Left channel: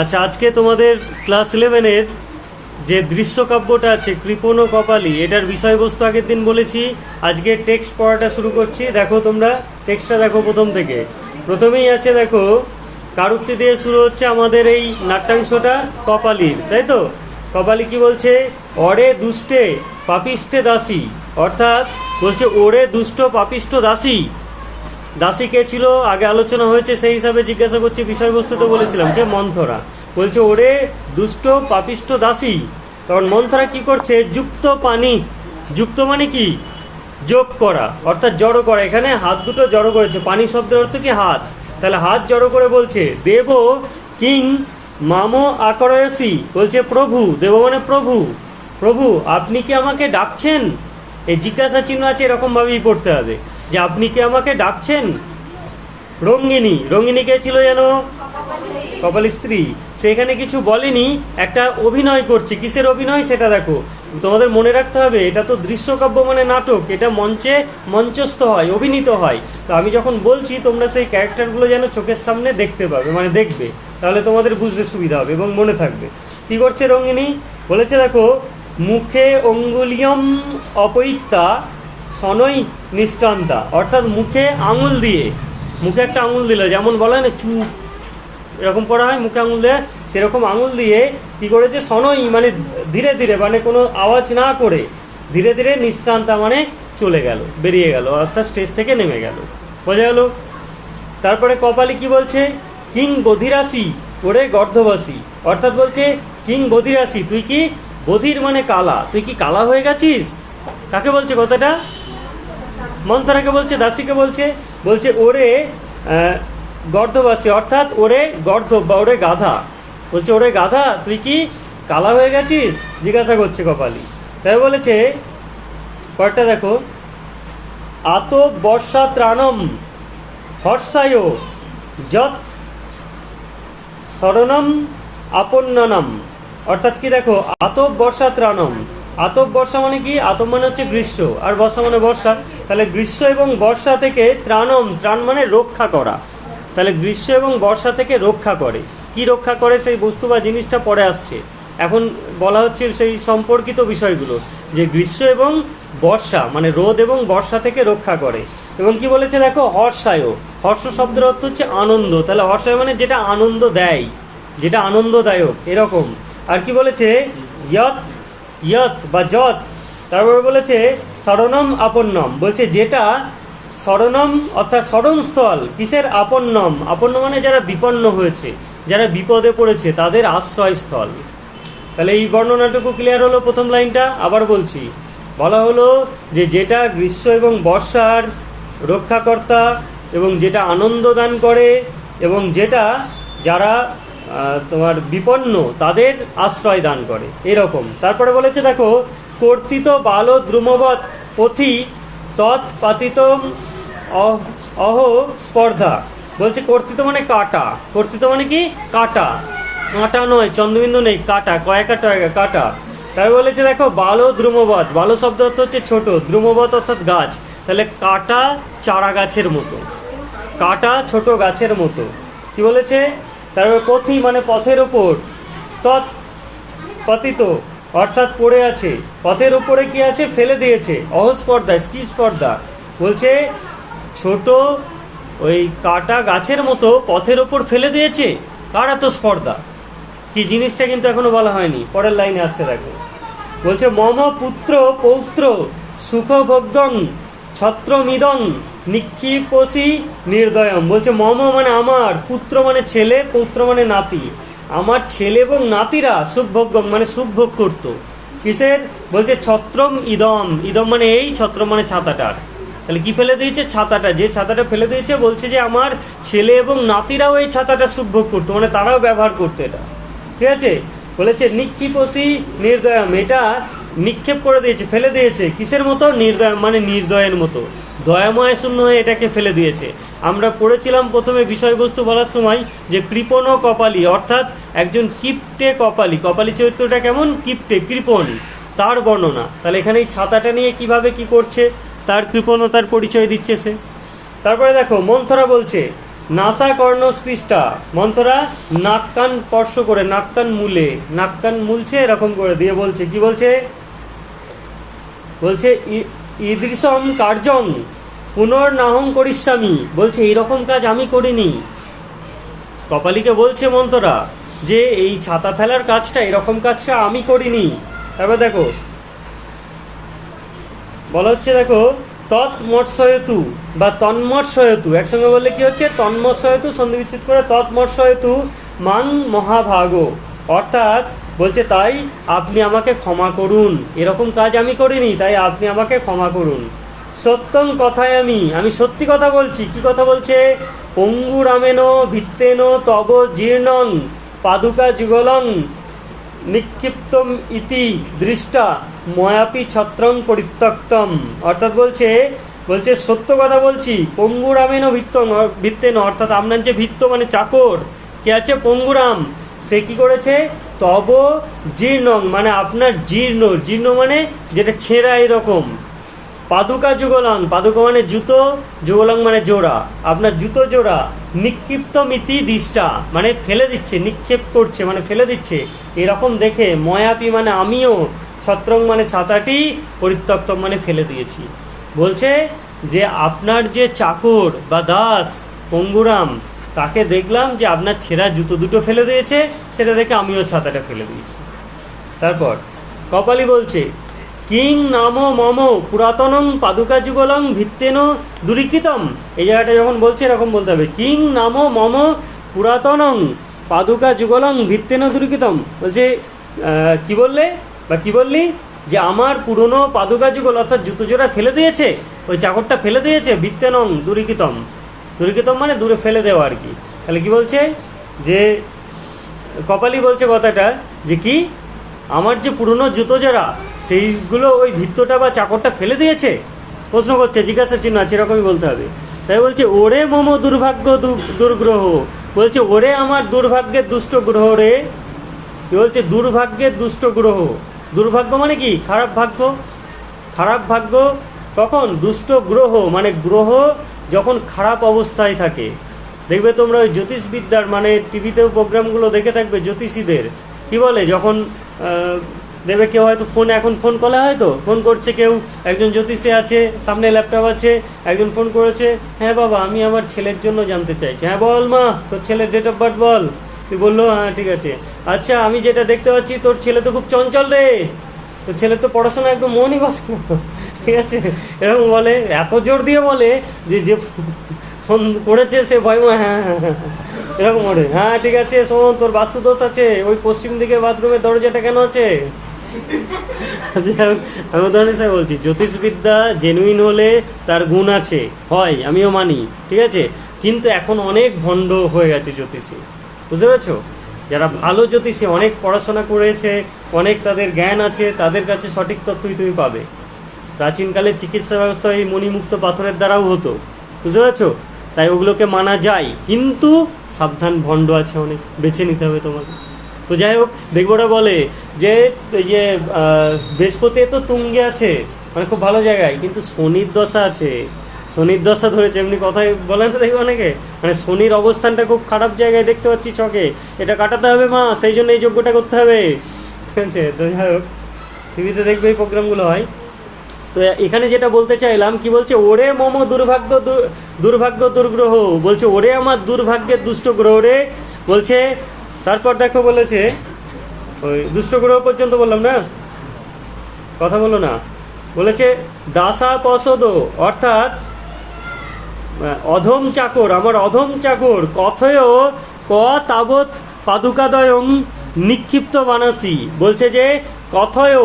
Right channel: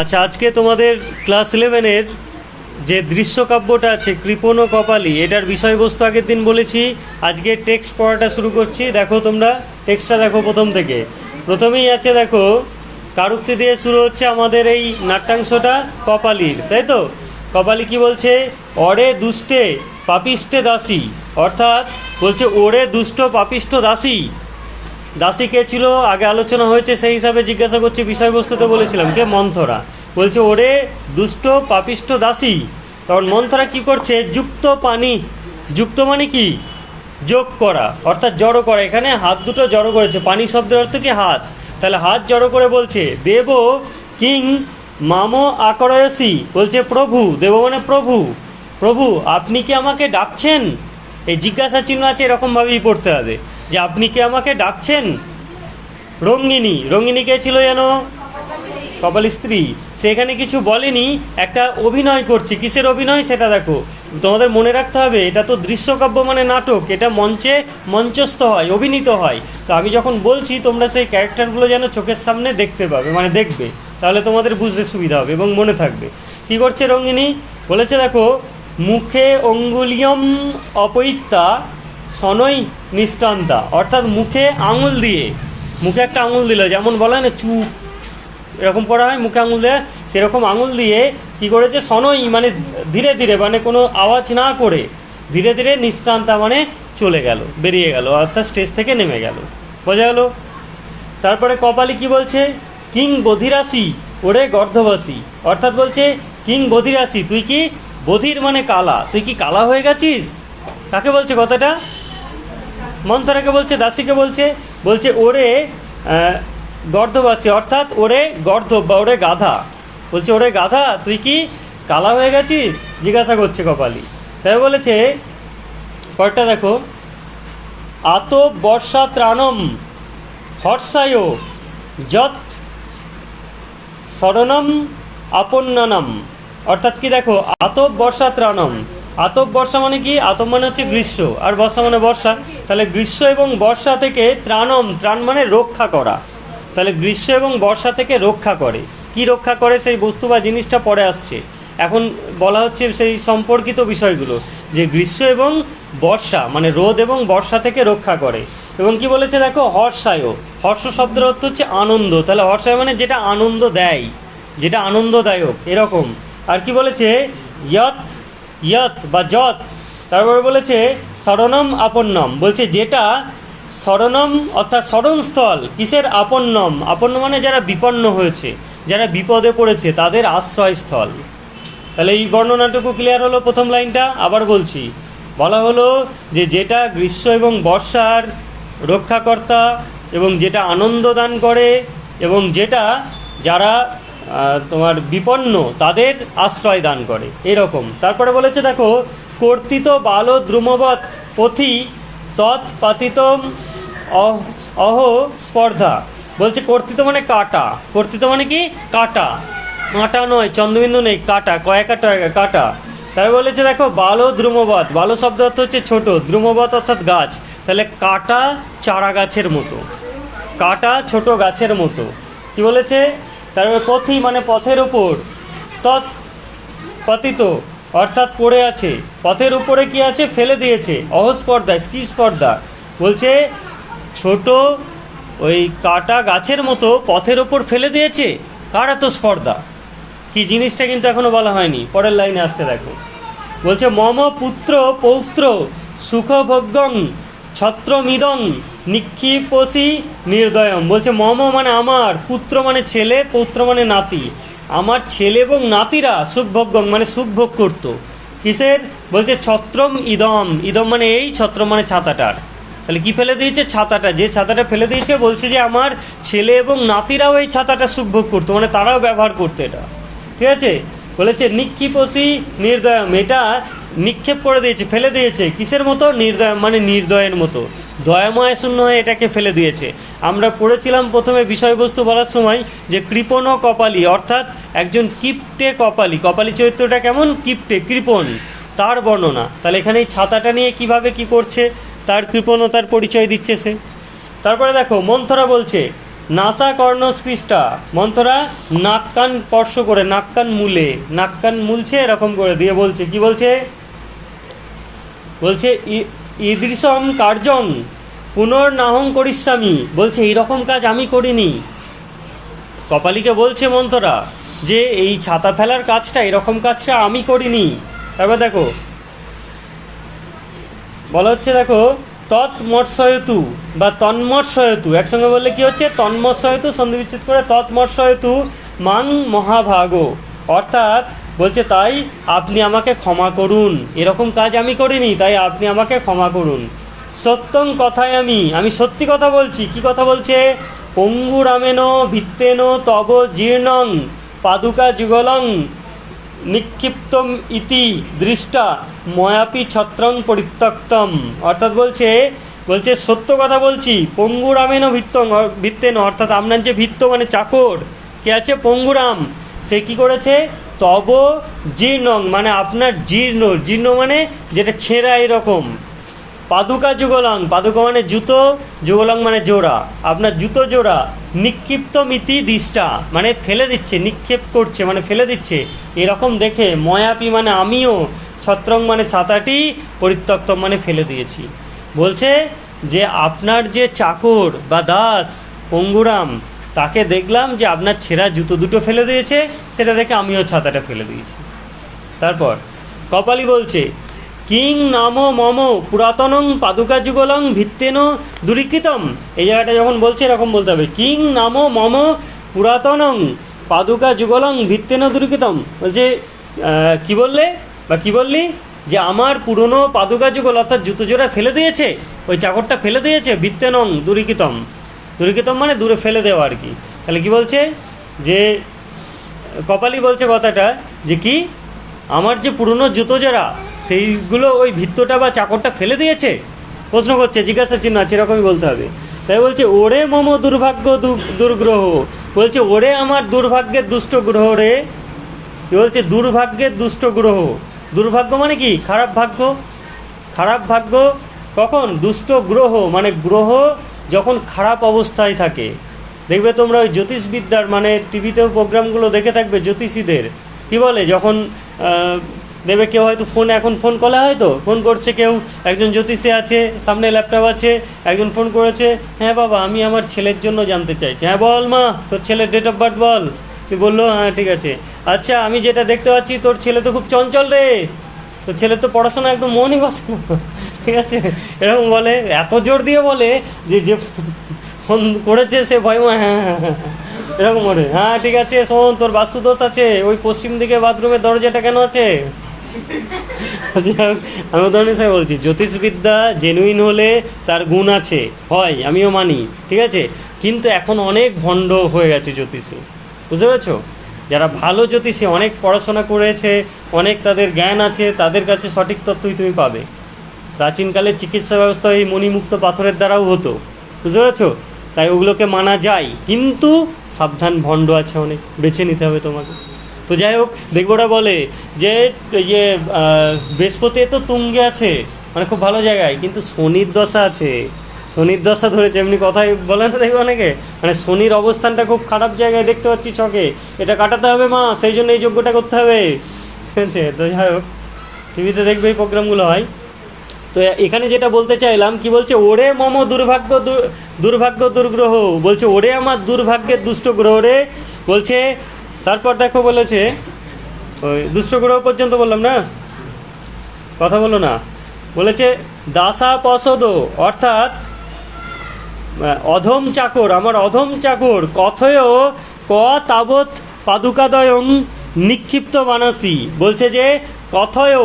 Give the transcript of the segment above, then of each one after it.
আচ্ছা আজকে তোমাদের ক্লাস ইলেভেনের যে দৃশ্যকাব্যটা আছে, কৃপণ ও কপালি, এটার বিষয়বস্তু আগের দিন বলেছি, আজকে টেক্সট পড়াটা শুরু করছি। দেখো তোমরা টেক্সটটা দেখো প্রথম থেকে। প্রথমেই আছে, দেখো কারুক্তি দিয়ে শুরু হচ্ছে আমাদের এই নাট্যাংশটা কপালির, তাই তো? কপালি কি বলছে? অরে দুষ্টে পাপিষ্টে দাসী। অর্থাৎ বলছে, ওরে দুষ্ট পাপিষ্ট দাসী। দাসী কে ছিল? আগে আলোচনা হয়েছে, সেই হিসাবে জিজ্ঞাসা করছে বিষয়বস্তুতে বলেছিলাম, কে? মন্থরা। বলছে, ওরে দুষ্ট পাপিষ্ট দাসী। তখন মন্থরা কি করছে? যুক্ত পানি। যুক্ত মানে কি? যোগ করা, অর্থাৎ জড়ো করা। এখানে হাত দুটো জড়ো করেছে। পানি শব্দের অর্থ কি? হাত। তাহলে হাত জড়ো করে বলছে, দেব কিং মামো আকরয়সী। বলছে, প্রভু। দেব মানে প্রভু। প্রভু, আপনি কি আমাকে ডাকছেন? এই জিজ্ঞাসা চিহ্ন আছে, এরকমভাবেই পড়তে হবে। যে আপনি কি আমাকে ডাকছেন? রঙ্গিনী। রঙ্গিনী কে ছিল যেন? কপাল স্ত্রী। সেখানে কিছু বলেনি, একটা অভিনয় করছে। কিসের অভিনয়? সেটা দেখো। তোমাদের মনে রাখতে হবে, এটা তো দৃশ্যকাব্য মানে নাটক। এটা মঞ্চে মঞ্চস্থ হয়, অভিনীত হয়। তো আমি যখন বলছি, তোমরা সেই ক্যারেক্টারগুলো যেন চোখের সামনে দেখতে পাবে মানে দেখবে। তাহলে তোমাদের বুঝতে সুবিধা হবে এবং মনে থাকবে। কি করছে রঙ্গিনী? বলেছে দেখো, মুখে অঙ্গুলিয়ম অপৈত্যা সনই নিষ্কান্তা অর্থাৎ মুখে আঙুল দিয়ে, মুখে একটা আঙুল দিল, যেমন বলে না চুপ এরকম পড়া হয়, মুখে আঙুল দেয়, সেরকম আঙুল দিয়ে কি করেছে? সনই মানে ধীরে ধীরে মানে কোনো আওয়াজ না করে, ধীরে ধীরে নিষ্ক্রান্তা মানে চলে গেল, বেরিয়ে গেল অর্থাৎ স্টেজ থেকে নেমে গেল। বোঝা গেল? তারপরে কপালি কি বলছে? কিং বধিরাসি, ওরে গর্ধবাসী। অর্থাৎ বলছে, কিং বধিরাসি, তুই কি বধির মানে কালা, তুই কি কালা হয়ে গেছিস? কাকে বলছে কথাটা? মন্থরাকে বলছে, দাসীকে বলছে বলছে, ওরে গর্ধবাসী, অর্থাৎ ওরে গর্ধ বা ওরে গাধা। বলছে, ওরে গাধা, তুই কি কালা হয়ে গেছিস? জিজ্ঞাসা করছে কপালি। তাই বলেছে, কয়েকটা দেখো, আত বর্ষা ত্রাণম হর্ষায় যত শরণম আপন্ননম। অর্থাৎ কি দেখো আতব বর্ষা ত্রাণম। আতব বর্ষা মানে কি? আতব মানে হচ্ছে গ্রীষ্ম। আর বর্ষা মানে বর্ষা। তাহলে গ্রীষ্ম এবং বর্ষা থেকে ত্রাণম, ত্রাণ মানে রক্ষা করা। তাহলে গ্রীষ্ম এবং বর্ষা থেকে রক্ষা করে। কি রক্ষা করে? সেই বস্তু বা জিনিসটা পরে আসছে। এখন বলা হচ্ছে সেই সম্পর্কিত বিষয়গুলো, যে গ্রীষ্ম এবং বর্ষা মানে রোদ এবং বর্ষা থেকে রক্ষা করে। এবং কি বলেছে দেখো? হর্ষায় হর্ষ শব্দের অর্থ হচ্ছে আনন্দ। তাহলে হর্ষায় মানে যেটা আনন্দ দেয়। যেটা আনন্দদায়ক, এরকম। আর কি বলেছে? ইয়ত ইয়ত বা যত তারপরে বলেছে শরণম আপন্নম। বলছে যেটা শরণম অর্থাৎ শরণস্থল কিসের আপন্নম? আপন্ন মানে যারা বিপন্ন হয়েছে, যারা বিপদে পড়েছে, তাদের আশ্রয়স্থল। তাহলে এই বর্ণনাটুকু ক্লিয়ার হলো প্রথম লাইনটা? আবার বলছি, বলা হলো যে যেটা গ্রীষ্ম এবং বর্ষার রক্ষাকর্তা এবং যেটা আনন্দ দান করে এবং যেটা যারা তোমার বিপন্ন তাদের আশ্রয় দান করে। এরকম। তারপরে বলেছে, দেখো, কর্তিত বাল দ্রুমবৎ পথি তৎপাতিতম অহ অহ স্পর্ধা। বলছে, কর্তিত মানে কাটা। কর্তিত মানে কি? কাটা। কাঁটা নয়, চন্দ্রবিন্দু নেই, কাটা। কয়েকা টয়েকা কাটা। তাই বলেছে, দেখো, বালো দ্রুমবত বালো শব্দ অর্থ হচ্ছে ছোট। দ্রুমবত অর্থাৎ গাছ। তাহলে কাটা চারা গাছের মতো। কাটা ছোট গাছের মতো। কি বলেছে? তারপরে পথি মানে পথের ওপর তৎ পতিত, অর্থাৎ পড়ে আছে। পথের উপরে কি আছে? ফেলে দিয়েছে। অহস্পর্ধা স্পর্ধা বলছে, ছোট ওই কাটা গাছের মতো পথের ওপর ফেলে দিয়েছে? কার এত স্পর্ধা? কি জিনিসটা কিন্তু এখনও বলা হয়নি। পরের লাইনে আসছে দেখো বলছে, মম পুত্র পৌত্র সুখভোগ্যং ছত্রমিদং নিক্ষিপসি নির্দয়ম। বলছে, মম মানে আমার, পুত্র মানে ছেলে, পৌত্র মানে নাতি। আমার ছেলে এবং নাতিরা সুখভোগ্যং মানে সুখভোগ করতো কিসের? বলছে, ছত্রম ইদম। ইদম মানে এই ছত্র মানে ছাতাটার। তাহলে কি ফেলে দিয়েছে? ছাতাটা। যে ছাতাটা ফেলে দিয়েছে, বলছে যে আমার ছেলে এবং নাতিরাও এই ছাতাটা সুখভোগ করতো মানে তারাও ব্যবহার করতো এটা। ঠিক আছে? বলেছে, নিক্ষিপসি নির্দয়ম, এটা নিক্ষেপ করে দিয়েছে, ফেলে দিয়েছে। কিসের মতো? নির্দয় মানে নির্দয়ের মতো। দয়াময় শূন্য হয়ে এটাকে ফেলে দিয়েছে। আমরা পড়েছিলাম প্রথমে বিষয়বস্তু বলার সময় যে কৃপণ কপালি, অর্থাৎ একজন কিপটে কপালি। কপালি চরিত্রটা কেমন? কিপটে, কৃপণ। তার বর্ণনা। তাহলে এখানে এই ছাতাটা নিয়ে কীভাবে কি করছে? তার কৃপণতার পরিচয় দিচ্ছে সে। তারপরে দেখো, মন্থরা বলছে, নাসা কর্ণস্পৃষ্টা মন্ত্রা নাক কান স্পর্শ করে, নাক কান মূলে। নাক কান মুলছে, এরকম করে দিয়ে বলছে। কি বলছে? বলছে, ই- ঈদৃশম কার্যং পুনর্নাহং করিস্বামী বলছে, এইরকম কাজ আমি করিনি। কপালিকে বলছে মন্ত্ররা যে, এই ছাতা ফেলার কাজটা, এরকম কাজটা আমি করিনি। তারপর দেখো, বলা হচ্ছে দেখো তৎমৎসয়তু বা তন্মৎসয়তু একসঙ্গে বললে কি হচ্ছে? তন্মৎসয়তু সন্ধি বিচ্ছেদ করে তৎমৎসয়তু মাং মহাভাগ। অর্থাৎ বলছে, তাই আপনি আমাকে ক্ষমা করুন। এরকম কাজ আমি করিনি, তাই আপনি আমাকে ক্ষমা করুন। সত্যম কথায় আমি আমি সত্যি কথা বলছি। কি কথা বলছে? পঙ্গুরামেন ভিত্তেন তব জীর্ণং পাদুকা যুগলং নিক্ষিপ্তম ইতি দৃষ্টা ময়াপি ছত্রং পরিত্যক্তম। অর্থাৎ বলছে বলছে, সত্য কথা বলছি পঙ্গুরামেনও ভিত্তং ভিত্তেন অর্থাৎ আপনার যে ভিত্ত মানে চাকর, কে আছে? পঙ্গুরাম। সে কি করেছে? তব জীর্ণং মানে আপনার জীর্ণ। জীর্ণ মানে যেটা ছেঁড়া এরকম। পাদুকা যুগলাং, পাদুকা মানে জুতো, যুগলাং মানে জোড়া। আপনার জুতো জোড়া নিক্ষিপ্ত মিতি দিষ্টা মানে ফেলে দিচ্ছে, নিক্ষেপ করছে মানে ফেলে দিচ্ছে। এরকম দেখে ময়াপি মানে আমিও, ছত্রং মানে ছাতাটি পরিত্যক্ত মানে ফেলে দিয়েছি। বলছে যে আপনার যে চাকর বা দাস, পঙ্গুরাম তাকে দেখলাম যে আপনার ছেঁড়া জুতো দুটো ফেলে দিয়েছে, সেটা দেখে আমিও ছাতাটা ফেলে দিয়েছি। তারপর কপালি বলছে, কিং নাম মম পুরাতনং পাদুকা যুগলং ভিত্তেন দূরীকৃতম। এই জায়গাটা যখন বলছে, এরকম বলতে হবে, কিং নাম মম পুরাতনং পাদুকা যুগলং ভিত্তেন দূরীকৃতম। বলছে কি বললে? বা কি বললি? যে আমার পুরনো পাদুকা যুগল অর্থাৎ জুতো জোড়া ফেলে দিয়েছে, ওই চাকরটা ফেলে দিয়েছে, ভিত্তেনং দূরীকৃতম। দূরীকৃতম মানে দূরে ফেলে দেওয়া আর কি। তাহলে কি বলছে? যে কপালি বলছে কথাটা যে কি? আমার যে পুরনো জুতো যারা, সেইগুলো ওই ভিত্তটা বা চাকরটা ফেলে দিয়েছে? প্রশ্ন করছে জিজ্ঞাসা চিহ্ন আছে, এরকমই বলতে হবে। তাই বলছে, ওরে মম দুর্ভাগ্য দুর্গ্রহ। বলছে, ওরে আমার দুর্ভাগ্যের দুষ্ট গ্রহ রে। বলছে দুর্ভাগ্যের দুষ্ট গ্রহ। দুর্ভাগ্য মানে কি? খারাপ ভাগ্য। খারাপ ভাগ্য কখন? দুষ্ট গ্রহ মানে গ্রহ যখন খারাপ অবস্থায় থাকে, দেখবে তোমরা ওই জ্যোতিষবিদ্যার মানে টিভিতেও প্রোগ্রামগুলো দেখে থাকবে জ্যোতিষীদের। কি বলে? যখন দেখবে কেউ হয়তো ফোন এখন ফোন করা হয় তো? ফোন করছে কেউ, একজন জ্যোতিষী আছে, সামনে ল্যাপটপ আছে, একজন ফোন করেছে হ্যাঁ বাবা, আমি আমার ছেলের জন্য জানতে চাইছি। হ্যাঁ বল মা, তোর ছেলের ডেট অফ বার্থ বল। তুই বলল হ্যাঁ ঠিক আছে। আচ্ছা আমি যেটা দেখতে পাচ্ছি, তোর ছেলে তো খুব চঞ্চল রে। তোর ছেলে তো পড়াশোনা একদম মনই বস ঠিক আছে? এরকম বলে, এত জোর দিয়ে বলে যে যে ফোন করেছে সে ভয় ভয় হ্যাঁ হ্যাঁ হ্যাঁ এরকম বলে হ্যাঁ ঠিক আছে, শোন, তোর বাস্তু দোষ আছে। ওই পশ্চিম দিকে বাথরুমের দরজাটা কেন আছে? আমি উদাহরণ হিসেবে বলছি, জ্যোতিষবিদ্যা জেনুইন হলে তার গুণ আছে, হয়, আমিও মানি, ঠিক আছে? কিন্তু এখন অনেক ভণ্ড হয়ে গেছে জ্যোতিষী, বুঝতে পেরেছ? যারা ভালো জ্যোতিষী, অনেক পড়াশোনা করেছে, অনেক তাদের জ্ঞান আছে, তাদের কাছে সঠিক তথ্যই তুমি পাবে। প্রাচীনকালে চিকিৎসা ব্যবস্থা এই মণিমুক্ত পাথরের দ্বারাও হতো। বুঝতে পেরেছ? তাই ওগুলোকে মানা যায়। কিন্তু সাবধান ভণ্ড আছে অনেক। বেছে নিতে হবে তোমাকে। তো যাই হোক দেখবোরা বলে যে ইয়ে বৃহস্পতি তো তুঙ্গে আছে। মানে খুব ভালো জায়গায়। কিন্তু শনির দশা আছে। শনির দশা ধরেছে এমনি কথাই বলে না দেখবে অনেকে। মানে শনির অবস্থানটা খুব খারাপ জায়গায় দেখতে পাচ্ছি চকে এটা কাটাতে হবে মা, সেই জন্য এই যোগ্যটা করতে হবে। ঠিক আছে? তো যাই হোক, টিভিতে দেখবে এই প্রোগ্রামগুলো হয়। তো এখানে যেটা বলতে চাইলাম, কি বলছে, ওরে মম দুর্ভাগ্য দুর্ভাগ্য দুর্গ্রহ। বলছে, ওরে আমার দুর্ভাগ্যের দুষ্ট গ্রহ রে। বলছে, তারপর দেখো, বলেছে, ওই দুষ্ট গ্রহ পর্যন্ত বললাম না? কথা বলো না। বলেছে দাসা পসদ অর্থাৎ, অধম চাকর, আমার অধম চাকর, কথয় ক তাবৎ পাদুকাদয়ং নিক্ষিপ্ত বানাসি বলছে যে, কথয়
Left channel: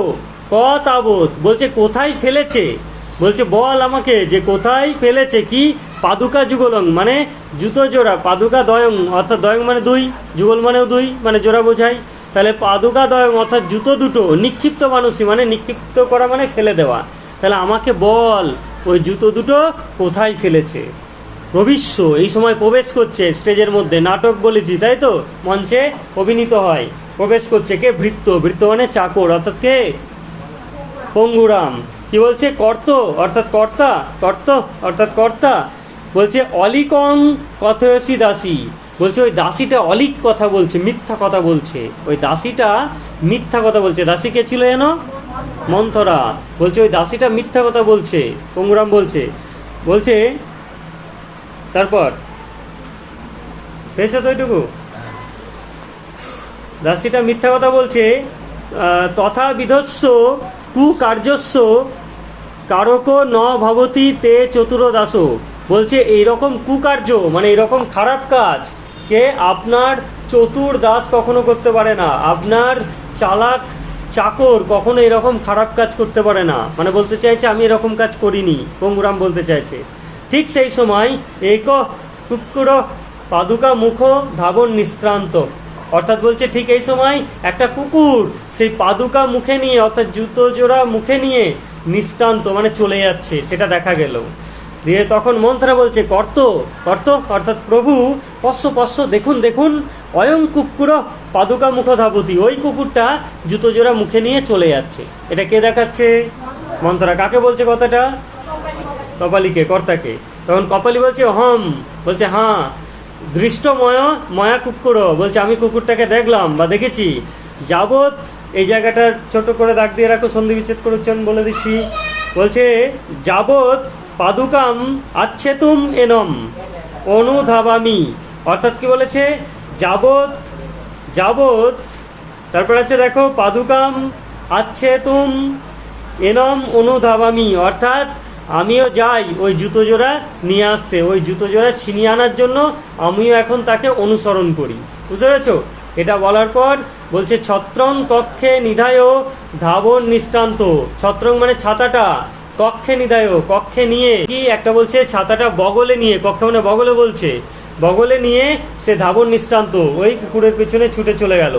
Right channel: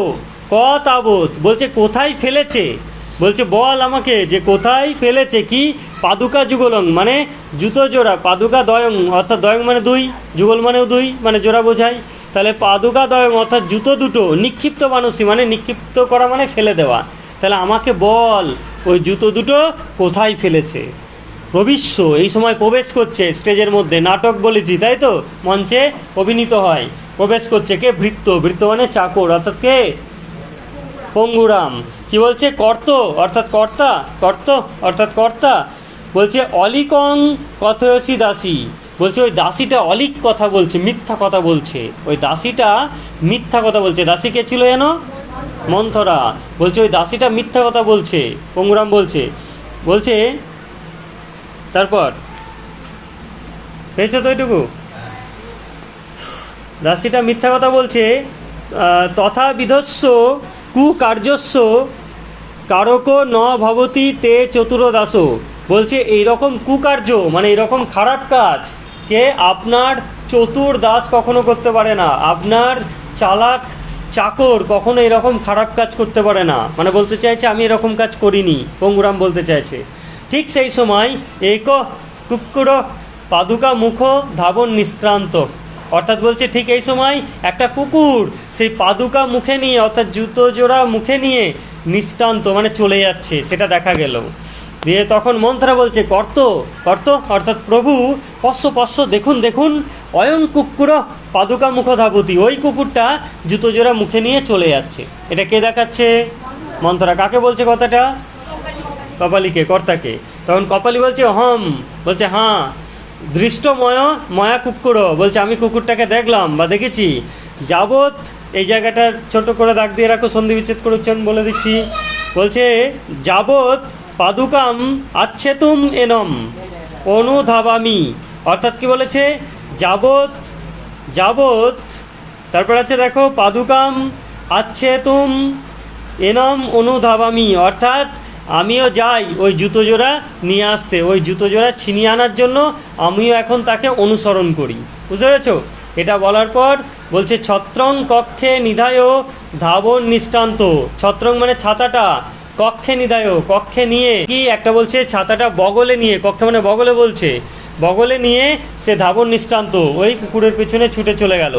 ক তাবৎ বলছে, কোথায় ফেলেছে? বলছে, বল আমাকে যে কোথায় ফেলেছে, কি? পাদুকা যুগলং মানে জুতো জোড়া, পাদুকা দয়ং, অর্থাৎ দয়ং মানে দুই, যুগল মানেও দুই মানে জোড়া বোঝায়। তাহলে পাদুকা দয়ং, অর্থাৎ জুতো দুটো, নিক্ষিপ্ত মানুষই মানে নিক্ষিপ্ত করা মানে ফেলে দেওয়া। তাহলে আমাকে বল, ওই জুতো দুটো কোথায় ফেলেছে? প্রবিশ্য এই সময় প্রবেশ করছে স্টেজের মধ্যে, নাটক বলেছি, তাই তো? মঞ্চে অভিনীত হয়। প্রবেশ করছে কে? ভৃত্য ভৃত্য মানে চাকর, অর্থাৎ কে? পঙ্গুরাম। কি বলছে? কর্ত, অর্থাৎ কর্তা, কর্ত, অর্থাৎ কর্তা। বলছে, অলিকং কথয়সী দাসী। বলছে, ওই দাসীটা অলিক কথা বলছে, মিথ্যা কথা বলছে। ওই দাসীটা মিথ্যা কথা বলছে। দাসী কে ছিল যেন? মন্থরা। বলছে, ওই দাসীটা মিথ্যা কথা বলছে। পঙ্গুরাম বলছে। বলছে, তারপর? হয়েছে তো ওইটুকু? দাসীটা মিথ্যা কথা বলছে তথা বিধস্য কুকার্যস্য কারক ন ভবতি তে চতুর দাস বলছে, এইরকম কুকার্য মানে এরকম খারাপ কাজ, কে আপনার চতুর দাস কখনো করতে পারে না। আপনার চালাক চাকর কখনো এরকম খারাপ কাজ করতে পারে না। মানে বলতে চাইছে, আমি এরকম কাজ করিনি। পঙ্গুরাম বলতে চাইছে। ঠিক সেই সময় এক কুকুর পাদুকা মুখ ধাবন নিষ্ক্রান্ত। অর্থাৎ বলছে ঠিক এই সময় একটা কুকুর সেই পাদুকা মুখে নিয়ে, অর্থাৎ জুতো জোড়া মুখে নিয়ে নিষ্ক্রান্ত মানে চলে যাচ্ছে, সেটা দেখা গেল। দিয়ে তখন মন্ত্রা বলছে, কর্ত কর্ত, অর্থাৎ প্রভু, পশ্য পশ্য, দেখুন দেখুন, অয়ং কুকুর পাদুকা মুখ ধাবতী ওই কুকুরটা জুতো জোড়া মুখে নিয়ে চলে যাচ্ছে। এটা কে দেখাচ্ছে? মন্ত্রা কাকে বলছে কথাটা? কপালিকে, কর্তাকে। তখন কপালি বলছে হম বলছে হ্যাঁ। দৃষ্টময় ময়া কুকুর। বলছে, আমি কুকুরটাকে দেখলাম বা দেখেছি। যাবৎ এই জায়গাটা ছোট করে দাগ দিয়ে রাখো, সন্ধি বিচ্ছেদ করেছেন বলে দিচ্ছি। বলছে, যাবৎ পাদুকাম আচ্ছেতুম এনম অনুধাবামি। অর্থাৎ কি বলেছে? যাবৎ যাবৎ, তারপর আছে দেখো, পাদুকাম আচ্ছেতুম এনম অনুধাবামি। অর্থাৎ আমিও যাই ওই জুতো জোড়া নিয়ে আসতে, ওই জুতো জোড়া ছিনিয়ে আনার জন্য আমিও এখন তাকে অনুসরণ করি। বুঝতে পেরেছ? এটা বলার পর বলছে, ছত্রং কক্ষে নিধায় ধাবন নিষ্ক্রান্ত। ছত্রং মানে ছাতাটা। কক্ষে নিধায়, কক্ষে নিয়ে কি একটা বলছে, ছাতাটা বগলে নিয়ে, কক্ষে মানে বগলে বলছে। বগলে নিয়ে সে ধাবন নিষ্ক্রান্ত। ওই কুকুরের পেছনে ছুটে চলে গেল।